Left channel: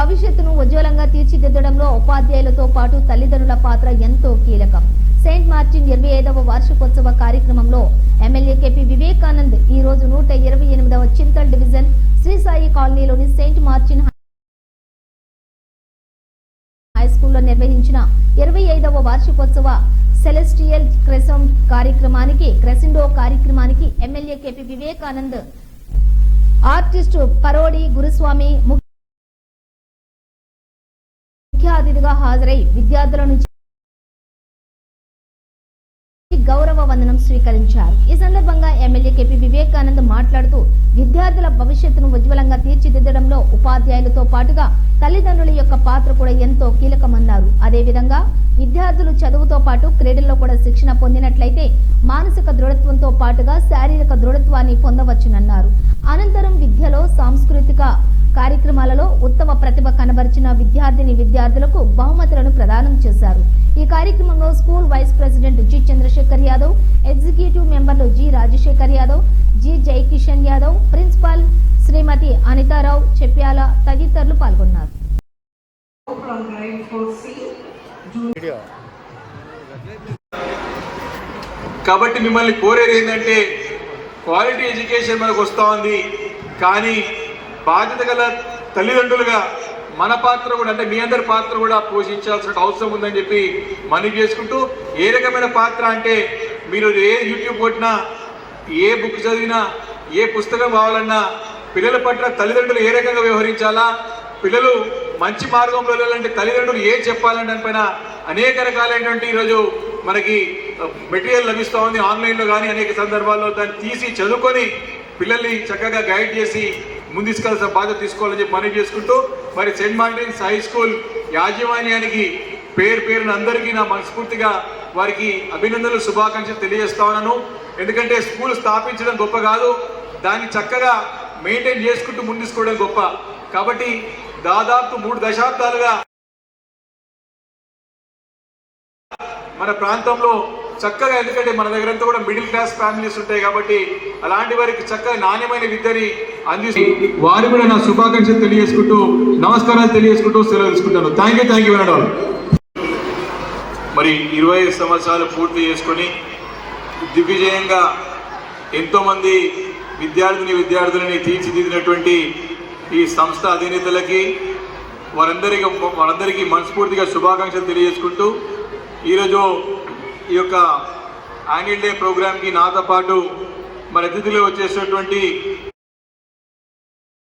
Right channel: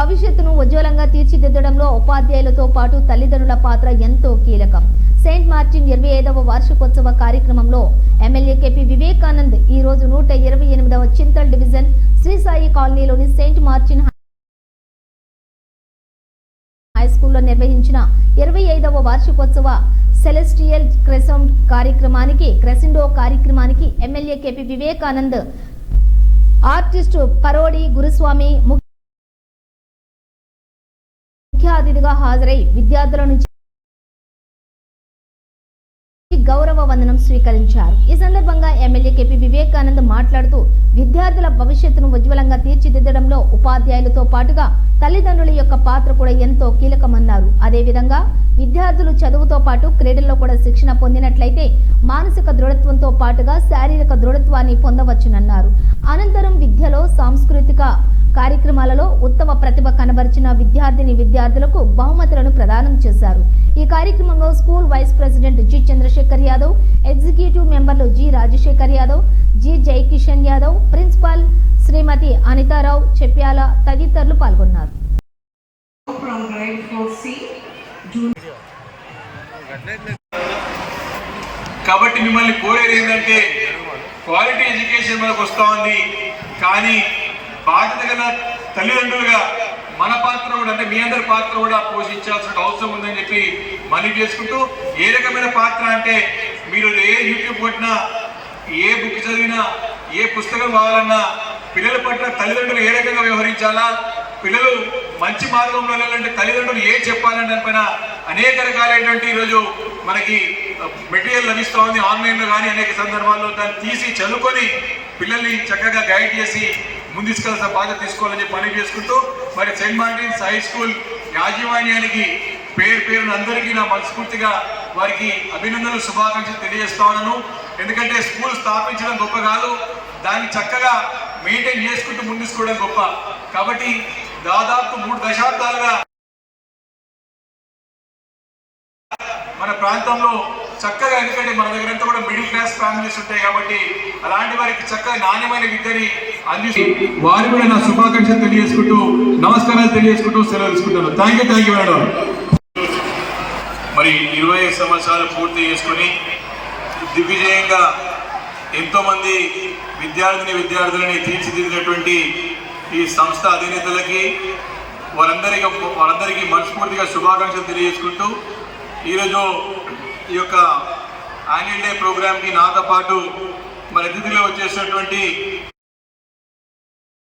భవిష్యత్తును ఉజ్వలంగా తీర్చిదిద్దడంలో ఉపాధ్యాయులతో పాటు తల్లిదండ్రుల పాత్ర ఎంతో కీలకం. సెయింట్ మార్టిన్ 25వ వార్షికోత్సవ కార్యక్రమంలో ఎమ్మెల్యే కేపీ వివేకానంద్ ఈ రోజు 128వ చింతల్ డివిజన్ శ్రీ సాయి కాలనీలోని సెయింట్ మార్టిన్ హై స్కూల్లో నిర్వహించిన 25వ వార్షికోత్సవ సెలెస్టియల్ క్రెసెండో కార్యక్రమానికి ఎమ్మెల్యే కేపీ వివేకానంద్, ఆర్టిస్ట్ పరోడి గురుస్వామి ముఖ్య అతిథిగా హాజరై విద్యార్థుల నుంచి గౌరవ వందనం స్వీకరించారు. ఈ సందర్భంగా ఎమ్మెల్యే కేపీ వివేకానంద్ మాట్లాడుతూ విద్యార్థుల భవిష్యత్తును ఉజ్వలంగా తీర్చిదిద్దడంలో ఉపాధ్యాయులతో పాటుగా తల్లిదండ్రుల యొక్క పాత్ర కూడా ఎంతో కీలకమన్నారు. అదేవిధంగా విద్యార్థులు చదువుతో పాటు క్రీడల్లో కూడా శిక్షణ పొందినట్లయితే మానసిక దృఢత్వంతో పాటుగా శారీరక దృఢత్వాన్ని పొందవచ్చునన్నారు. అనంతరం విద్యలో సాంస్కృతిక కార్యక్రమాలలో ఉత్తమ ప్రతిభ కనబరిచిన విద్యార్థులకు బహుమతులను ప్రదానం చేశారు. ఈ కార్యక్రమంలో school vice president G Chandrashekar Yadav, executive మెంబర్లు G Rajashekar Yadav, G Jayakishan Yadav, principal Shrimati Anitha Rao చెప్పాల తదితరులు పాల్గొన్నారు. కాబట్టి మిమ్మల్ని కోరేది ఏంటంటే క్వాలిటీ ఎడ్యుకేషన్ మనకు వస్తూ ఉంది, కానీ బాధ్యత గల తల్లిదండ్రులుగా మన పాత్ర కూడా, అంటే మీ అందరి పాత్ర కూడా పోషించాల్సిన అవసరం ఉందని చెప్పి మనవి చేసుకుంటూ, ఏ రకమైన పాత్ర అంటే మీరు ఏ యూట్యూబ్ కొట్టినా, ఏ బుక్ చదివినా, ఏ పుస్తకం కావాలన్నా పిల్లల పట్ల తల్లిదండ్రులు ఏ రకంగా వ్యవహరించాలా, పిల్లలు మంచి మార్గంలో వెళ్ళాలంటే తల్లిదండ్రులు ఏం చెప్పాలంటే దానిపైన అనేక రకాలైనటువంటి ఈరోజు మనకి మెటీరియల్ లభిస్తూ ఉంది. ఆన్లైన్లో కానీ అనేక సందర్భాల్లో దాన్ని తీసి చదువుకొని పిల్లల్ని చక్కగా గైడ్ చేసి ముందుకెళ్లాల్సిన బాధ్యత తీసుకోవాలని చెప్పి మనవి చేసుకుంటూ, మరి సెయింట్ మార్టిన్స్ హై స్కూల్ యాజమాన్యానికి పేరున అందరికీ నా మనస్ఫూర్తిగా వారికి అభినందనలు, శుభాకాంక్షలు తెలియజేస్తా ఉన్నాను. ఎందుకంటే స్కూల్ స్థాపించడం గొప్ప కాదు, దాన్ని చక్కగా మెయింటైన్ చేసుకుంటూ ముందుకోవడం గొప్ప. కాబట్టి దాదాపు 3 దశాబ్దాలుగా మన ప్రాంతంలో చక్కగా, ఎందుకంటే మన దగ్గరంతా కూడా మిడిల్ క్లాస్ ఫ్యామిలీస్ ఉంటాయి కాబట్టి అలాంటి వారికి చక్కగా నాణ్యమైన విద్యని అందిస్తూ వారు కూడా నా శుభాకాంక్షలు తెలియజేసుకుంటూ, నమస్కారాలు తెలియజేసుకుంటూ సెలవు తీసుకుంటాను. Thank you madam. మరి 25 సంవత్సరాలు పూర్తి చేసుకొని దిగ్విజయంగా ఎంతోమంది విద్యార్థులని తీర్చిదిద్దినటువంటి ఈ సంస్థ అధినేతలకి వారందరికీ మనస్ఫూర్తిగా శుభాకాంక్షలు తెలియజేసుకుంటూ, ఈరోజు ఈ యొక్క యాన్యువల్ డే ప్రోగ్రామ్కి నాతో పాటు మన అతిథులు వచ్చేసినటువంటి